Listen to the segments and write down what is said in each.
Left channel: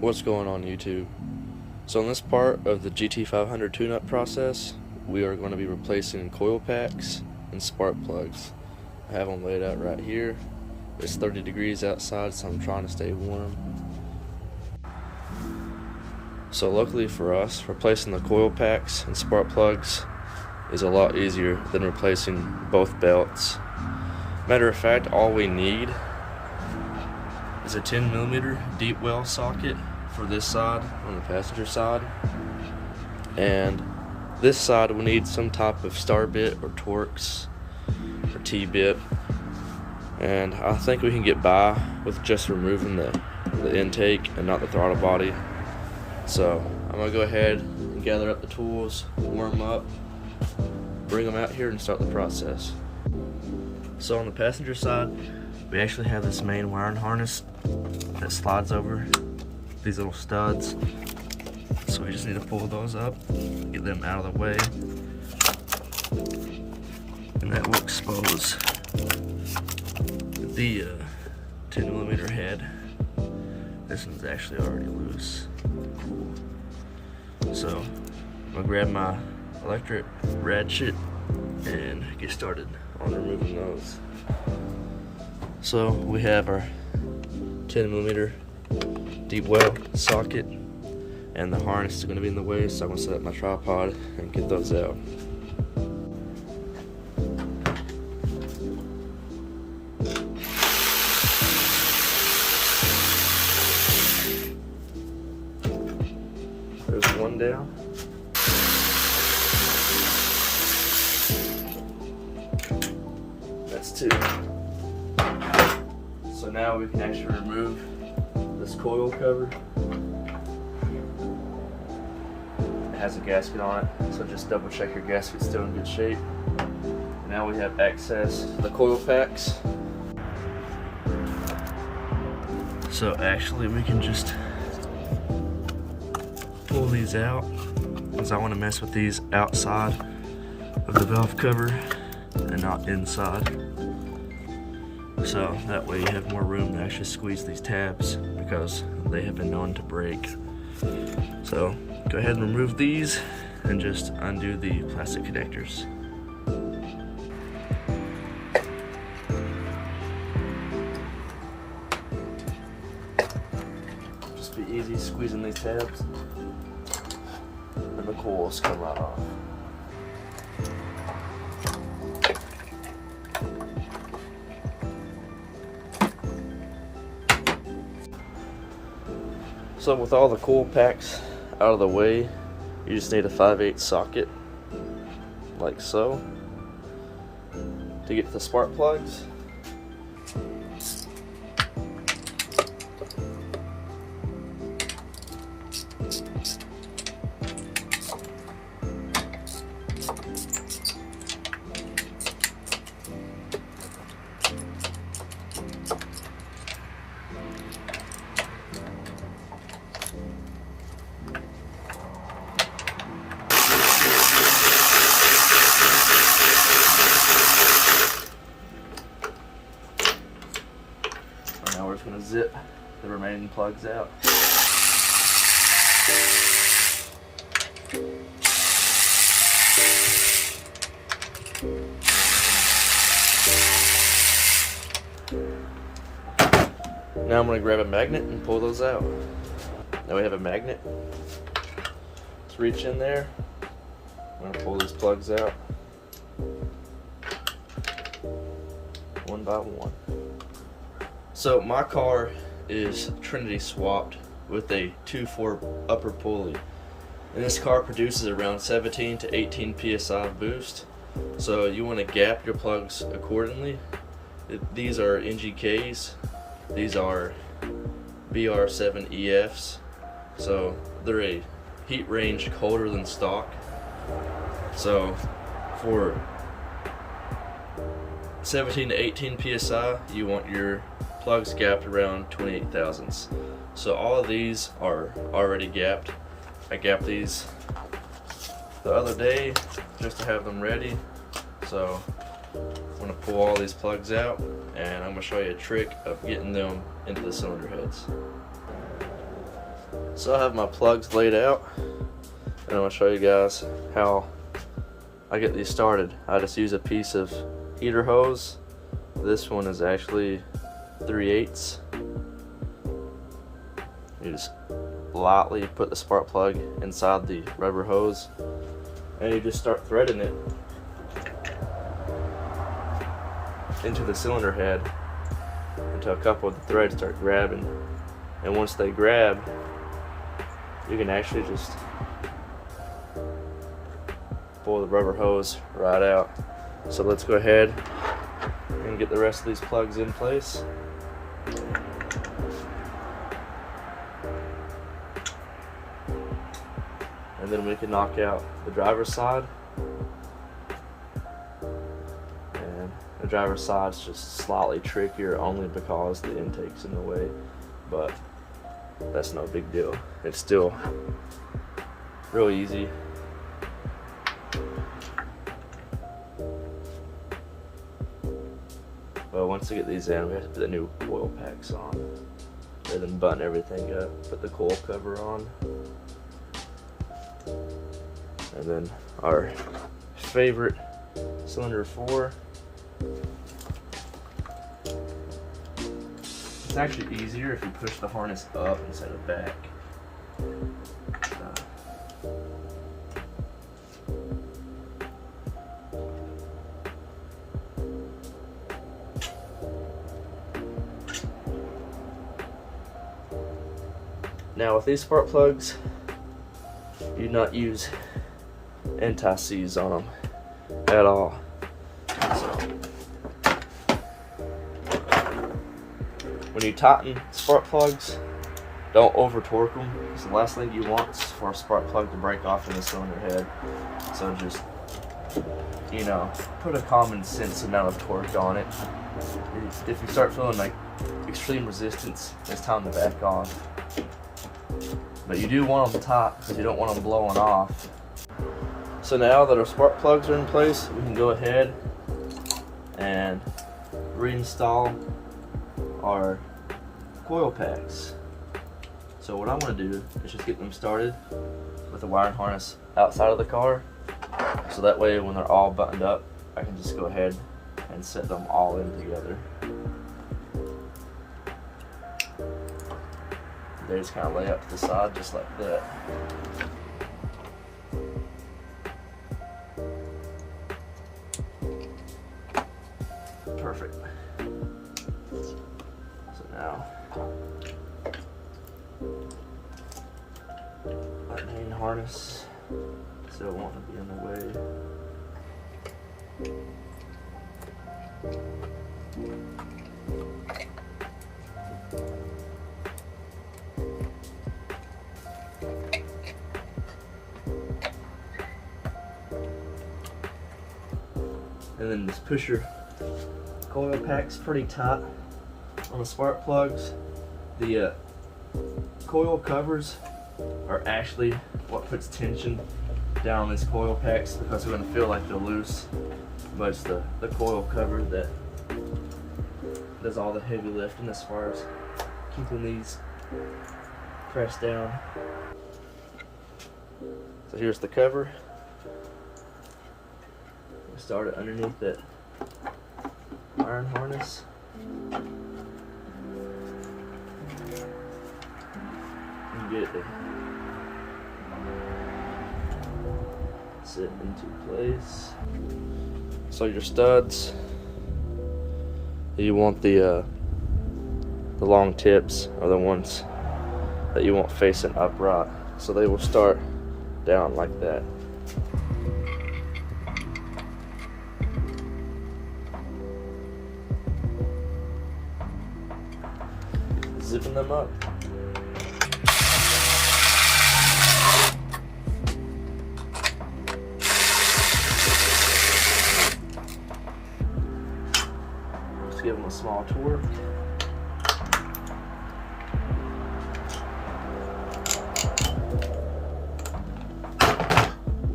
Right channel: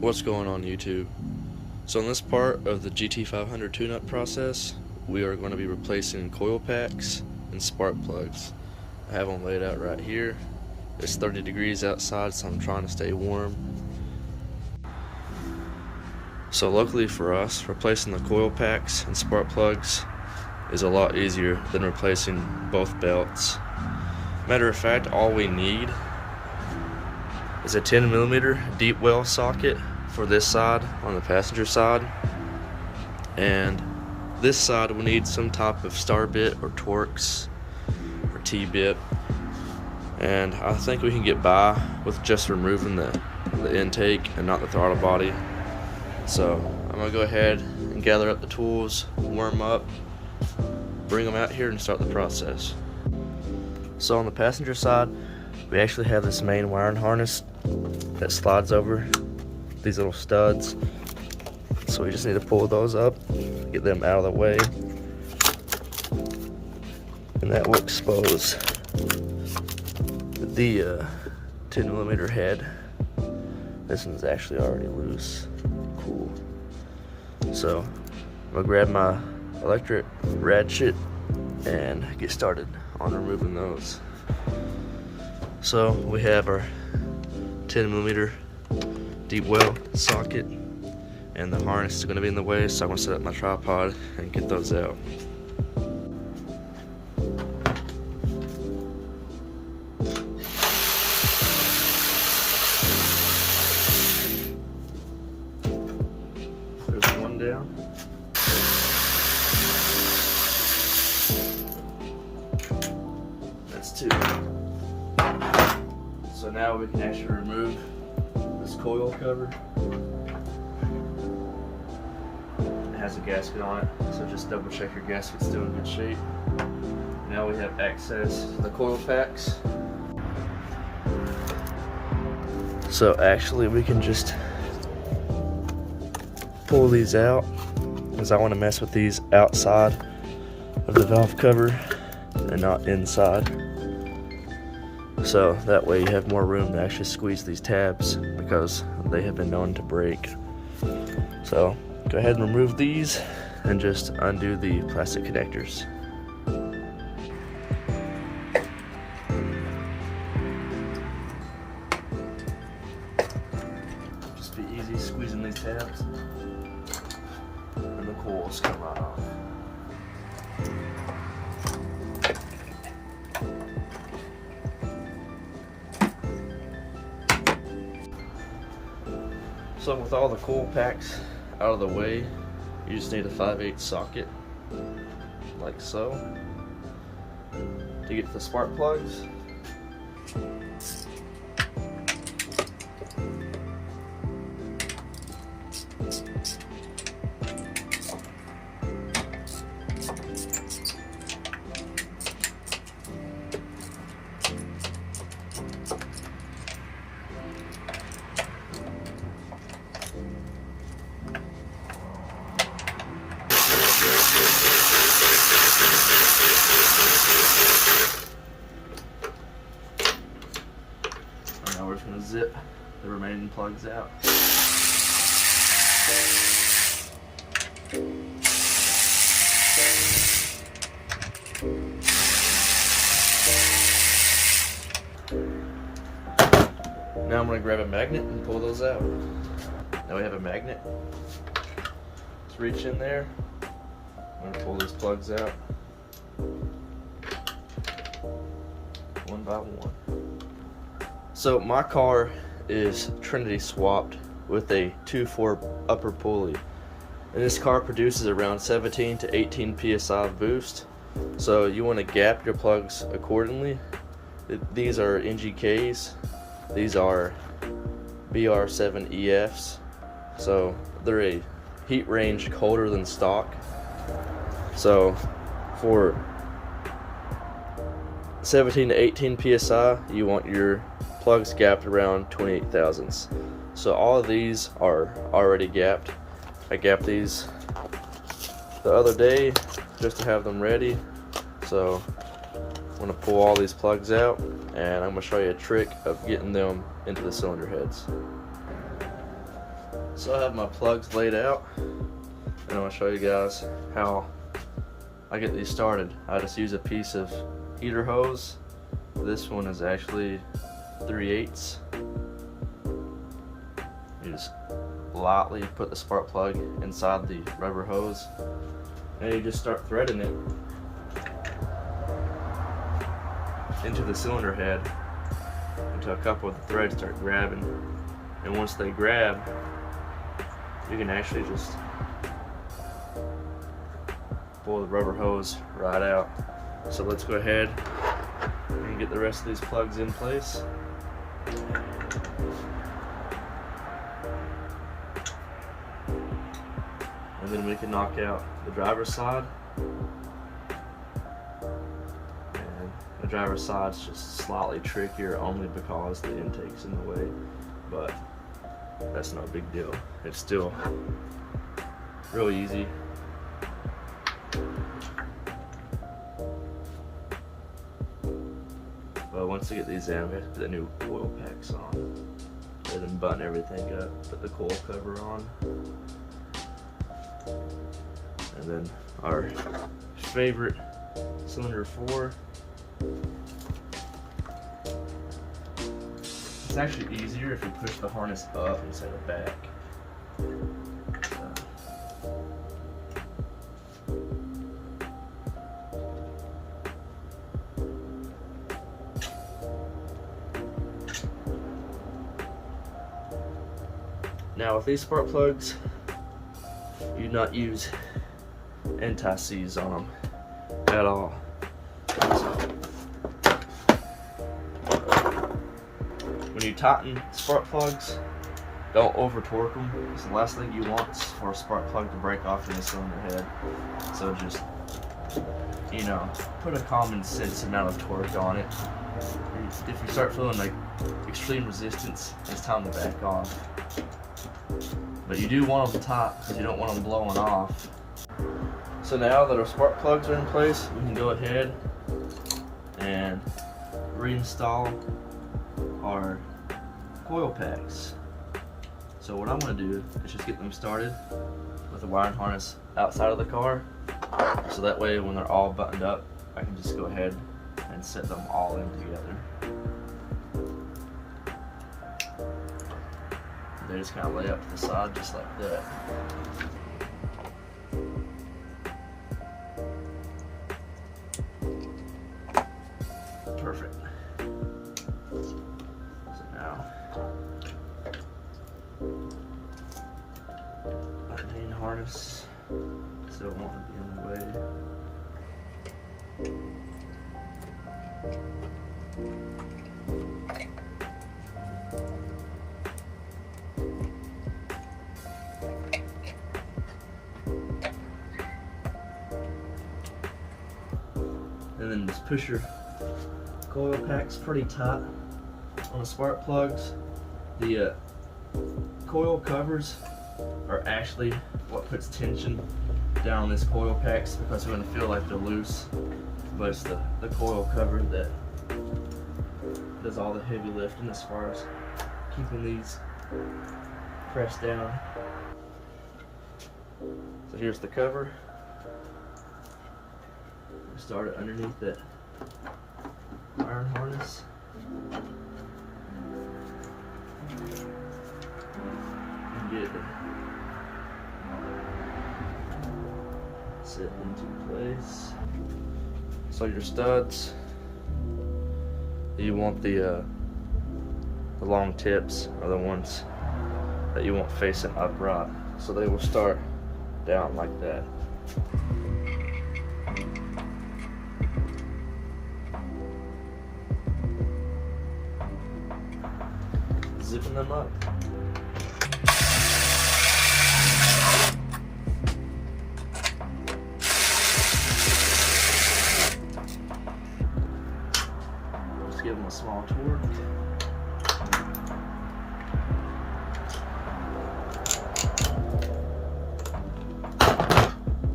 What's going on YouTube? So in this part of the GT500 tune-up process, we are going to be replacing coil packs and spark plugs. I have them laid out right here. It's 30 degrees outside, so I'm trying to stay warm. So luckily for us, replacing the coil packs and spark plugs is a lot easier than replacing both belts. Matter of fact, all we need is a 10mm deep well socket for this side on the passenger side, and this side we need some type of star bit or Torx or T-bit, and I think we can get by with just removing the intake and not the throttle body. So I'm gonna go ahead and gather up the tools, warm up, bring them out here and start the process. So on the passenger side, we actually have this main wiring harness that slides over these little studs. So we just need to pull those up, get them out of the way, and that will expose the 10mm head. This one's actually already loose. Cool. So I'm gonna grab my electric ratchet and get started on removing those. So we have our 10mm deep well socket, and the harness is going to be in the way, so I'm going to set up my tripod and get those out. There's one down. That's two. So now we can actually remove this coil cover. It has a gasket on it, so just double check your gasket's still in good shape. Now we have access to the coil packs. So actually we can just pull these out, because I want to mess with these outside of the valve cover and not inside. So that way you have more room to actually squeeze these tabs, because they have been known to break. So go ahead and remove these and just undo the plastic connectors. Just be easy squeezing these tabs and the coils come off. So with all the coil packs out of the way, you just need a 5/8 socket, like so, to get to the spark plugs. Now we're just going to zip the remaining plugs out. Now I'm going to grab a magnet and pull those out. Now we have a magnet. Let's reach in there. I'm going to pull these plugs out one by one. So my car is Trinity swapped with a 2.4 upper pulley, and this car produces around 17 to 18 psi boost, so you want to gap your plugs accordingly. These are NGKs, these are BR7EFs, so they're a heat range colder than stock. So for 17 to 18 psi, you want your plugs gapped around 28 thousandths. So all of these are already gapped. I gapped these the other day just to have them ready. So I'm going to pull all these plugs out, and I'm going to show you a trick of getting them into the cylinder heads. So I have my plugs laid out, and I'm going to show you guys how I get these started. I just use a piece of heater hose. This one is actually 3/8. You just lightly put the spark plug inside the rubber hose, and you just start threading it into the cylinder head until a couple of the threads start grabbing. And once they grab, you can actually just pull the rubber hose right out. So let's go ahead and get the rest of these plugs in place. And then we can knock out the driver's side. And the driver's side's just slightly trickier only because the intake's in the way, but that's no big deal. It's still real easy. Well, once we get these in, we have to put the new coil packs on, and then button everything up, put the coil cover on, and then our favorite cylinder 4. It's actually easier if you push the harness up instead of back. Now with these spark plugs, you do not use anti-seize on them at all. When you tighten spark plugs, don't over torque them, because the last thing you want is for a spark plug to break off in the cylinder head. So just, you know, put a common sense amount of torque on it. If you start feeling like extreme resistance, it's time to back off. But you do want them tight because you don't want them blowing off. So now that our spark plugs are in place, we can go ahead and reinstall our coil packs. So what I'm going to do is just get them started with the wiring harness outside of the car, so that way when they're all buttoned up, I can just go ahead and set them all in together. They just kind of lay up to the side just like that. Perfect. So now, our main harness, so it won't be in the way. And then just push your coil packs pretty tight on the spark plugs. The coil covers are actually what puts tension down on these coil packs, because they're going to feel like they're loose. But it's the coil cover that does all the heavy lifting as far as keeping these pressed down. So here's the cover. Start it underneath that iron harness. And get it to sit into place. So your studs, you want the long tips are the ones that you want facing upright, so they will start down like that. Zipping them up. Just give them a small torque.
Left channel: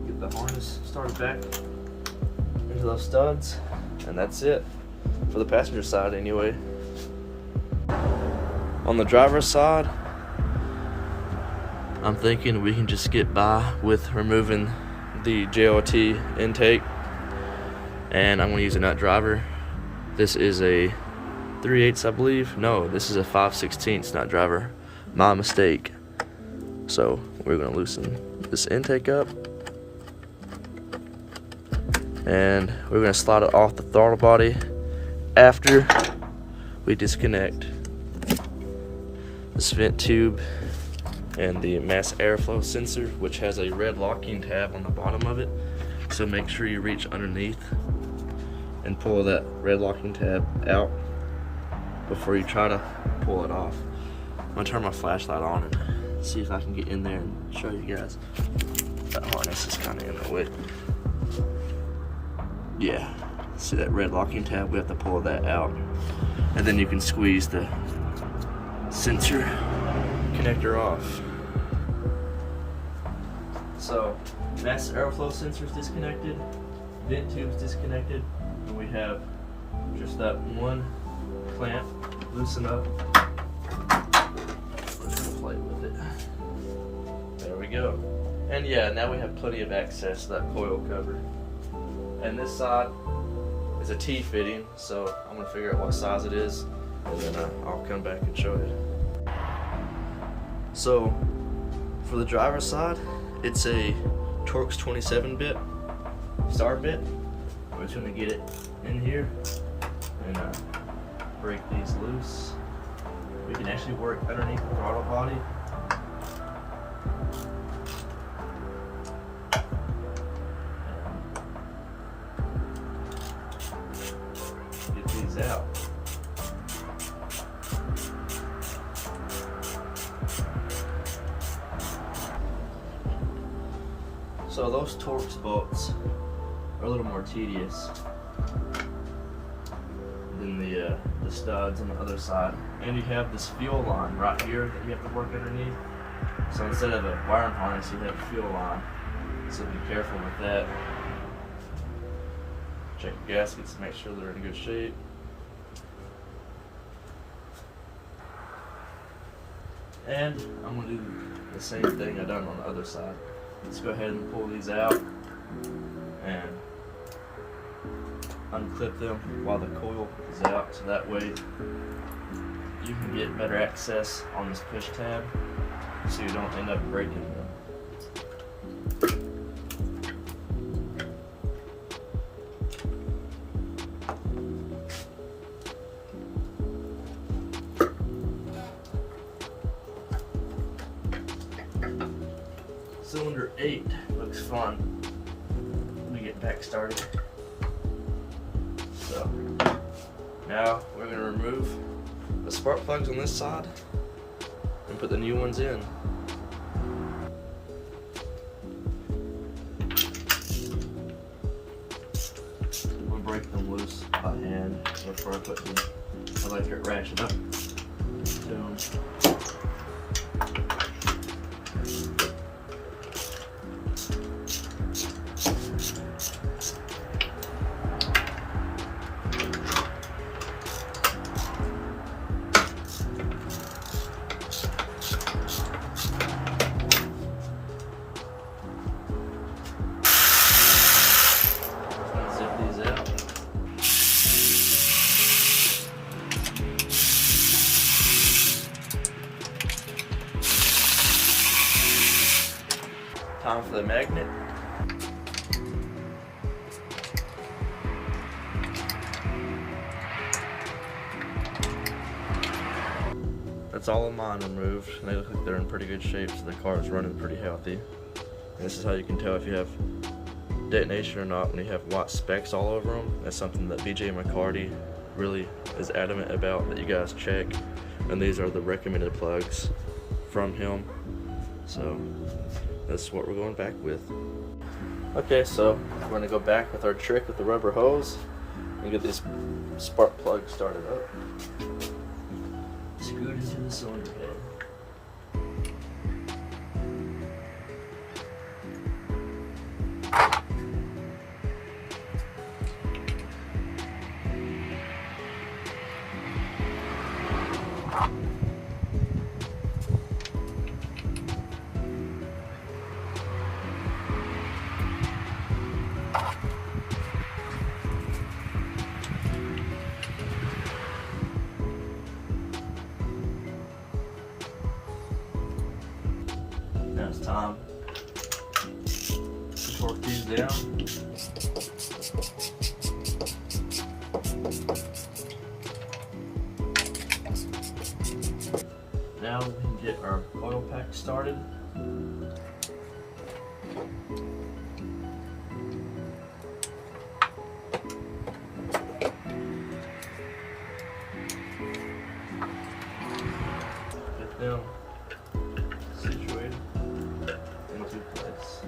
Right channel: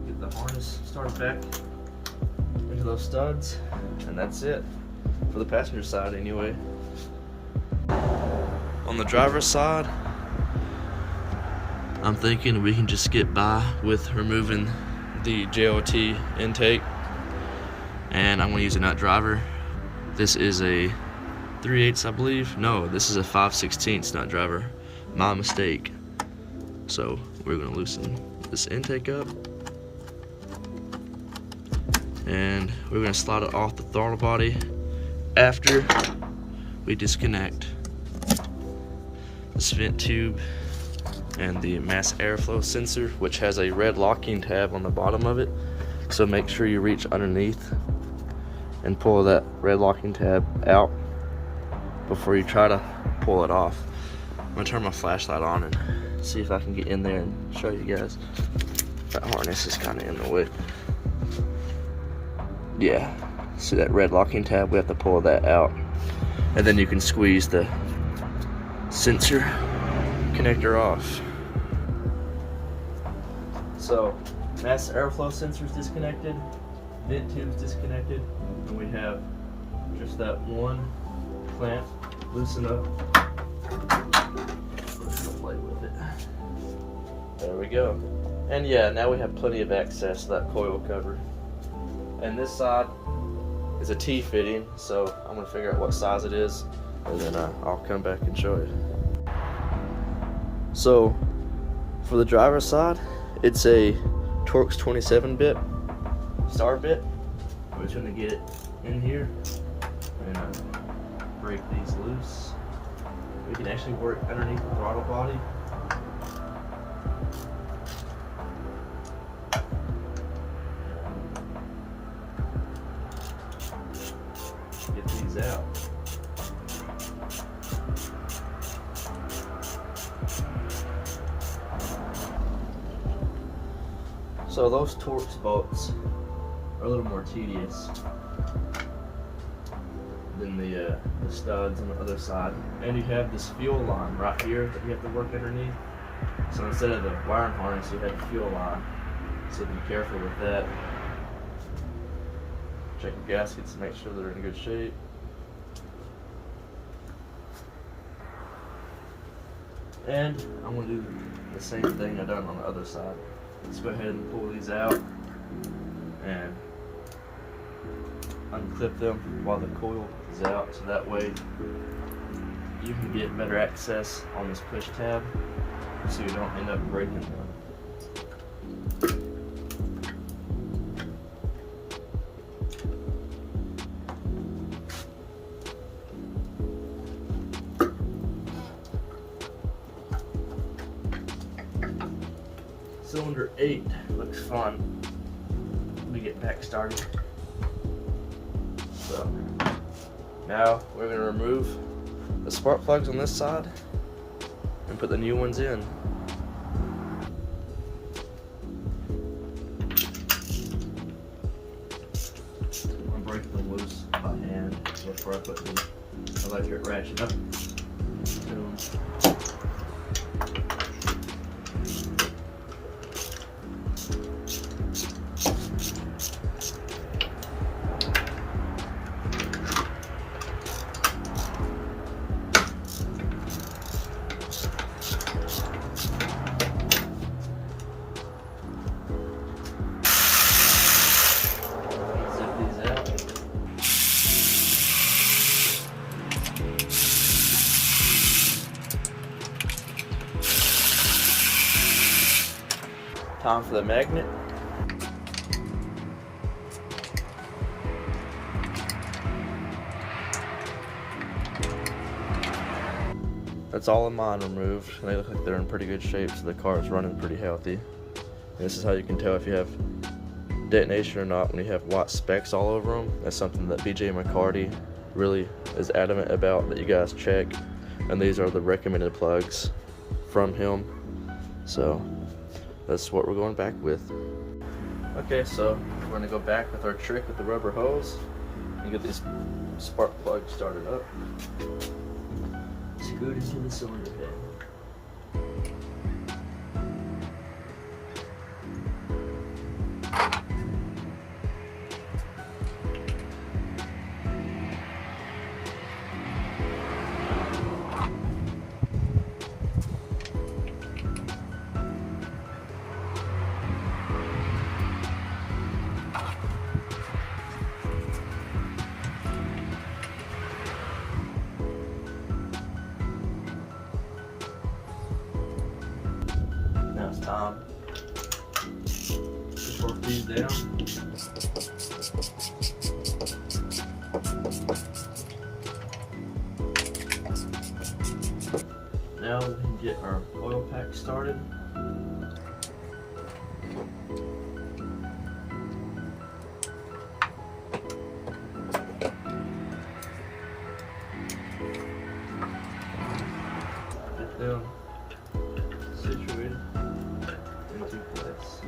Get the harness started back into those studs, and that's it for the passenger side anyway. On the driver's side, I'm thinking we can just get by with removing the JLT intake, and I'm going to use a nut driver. This is a 3/8, I believe. No, this is a 5/16 nut driver. My mistake. So we're going to loosen this intake up, and we're going to slide it off the throttle body after we disconnect this vent tube and the mass airflow sensor, which has a red locking tab on the bottom of it. So make sure you reach underneath and pull that red locking tab out before you try to pull it off. I'm gonna turn my flashlight on and see if I can get in there and show you guys. That harness is kind of in the way. Yeah, see that red locking tab? We have to pull that out, and then you can squeeze the sensor connector off. So mass airflow sensor is disconnected, vent tube is disconnected, and we have just that one clamp loosen up. We're gonna play with it. There we go. And yeah, now we have plenty of access to that coil cover. And this side is a T fitting, so I'm gonna figure out what size it is, and then I'll come back and show you. So for the driver's side, it's a Torx 27-bit star bit. We're just gonna get it in here and break these loose. We can actually work underneath the throttle body. Get these out. So those Torx bolts are a little more tedious than the studs on the other side. And you have this fuel line right here that you have to work underneath. So instead of a wiring harness, you have a fuel line. So be careful with that. Check the gaskets to make sure they're in good shape. And I'm going to do the same thing I've done on the other side. Let's go ahead and pull these out and unclip them while the coil is out, so that way you can get better access on this push tab so you don't end up breaking them. Cylinder 8 looks fun. Let me get back started. So now we're going to remove the spark plugs on this side and put the new ones in. I'm going to break them loose by hand before I put the electric ratchet up. Boom. Time for the magnet. That's all of mine removed. They look like they're in pretty good shape, so the car is running pretty healthy. And this is how you can tell if you have detonation or not when you have white specks all over them. That's something that BJ McCarty really is adamant about that you guys check. And these are the recommended plugs from him. So that's what we're going back with. Okay, so we're going to go back with our trick with the rubber hose and get these spark plugs started up. Screwed into the cylinder head. Now it's time to torque these down. Now we can get our coil pack started. Get them situated into place.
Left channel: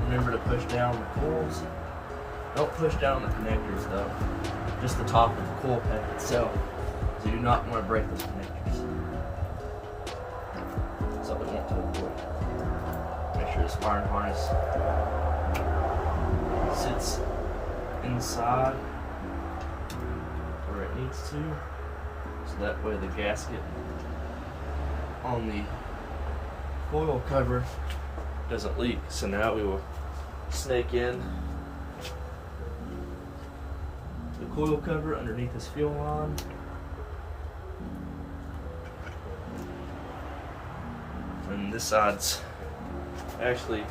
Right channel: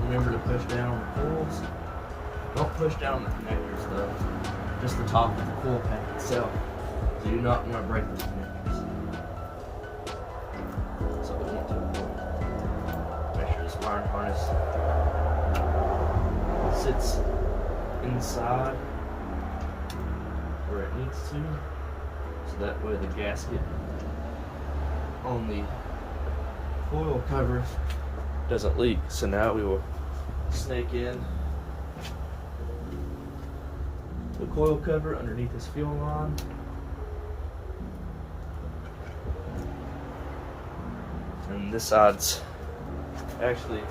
Remember to push down the coils. Don't push down the connectors though, just the top of the coil pack itself. You do not want to break those connectors. That's what we want to avoid. Make sure this wiring harness sits inside where it needs to, so that way the gasket on the coil cover doesn't leak. So now we will snake in the coil cover underneath this fuel line. And this side's actually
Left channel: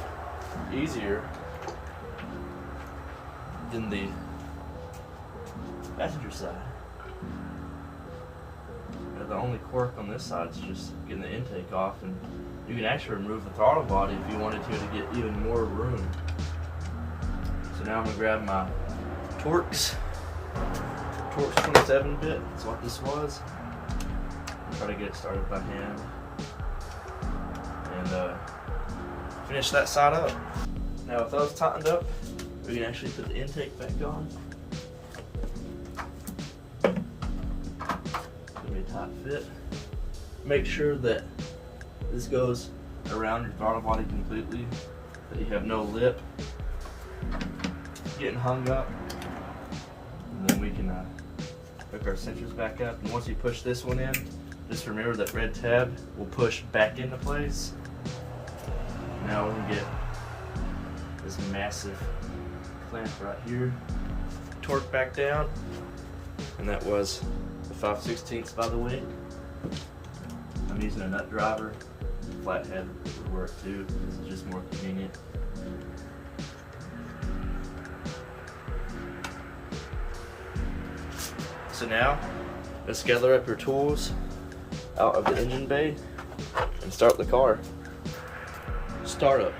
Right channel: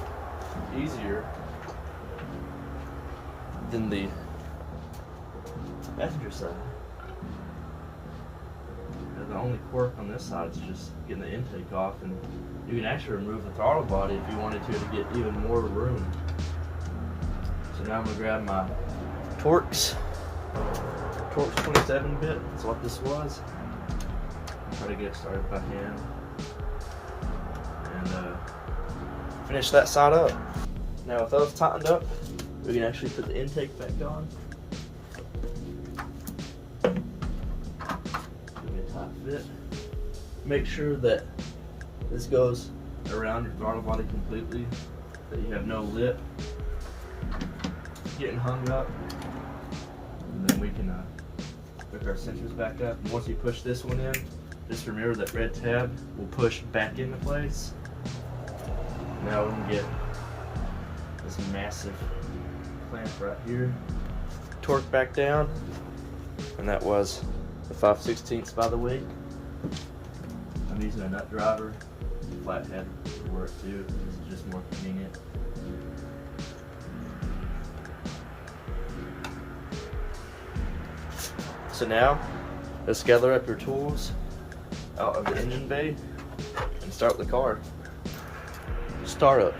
easier than the passenger side. The only quirk on this side is just getting the intake off, and you can actually remove the throttle body if you wanted to get even more room. So now I'm going to grab my Torx 27 bit, that's what this was, and try to get it started by hand and finish that side up. Now with those tightened up, we can actually put the intake back on. Give me a tight fit. Make sure that this goes around your throttle body completely, that you have no lip getting hung up. And then we can hook our sensors back up. And once you push this one in, just remember that red tab will push back into place. Now we can get this massive clamp right here, torque back down, and that was a 5/16 by the weight. I'm using a nut driver. Flathead would work too. This is just more convenient. So now, let's gather up your tools out of the engine bay and start the car. Start up.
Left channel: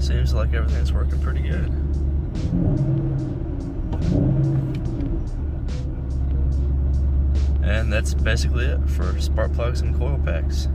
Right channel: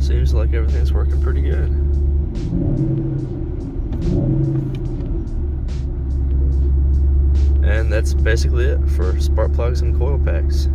Seems like everything's working pretty good. And that's basically it for spark plugs and coil packs.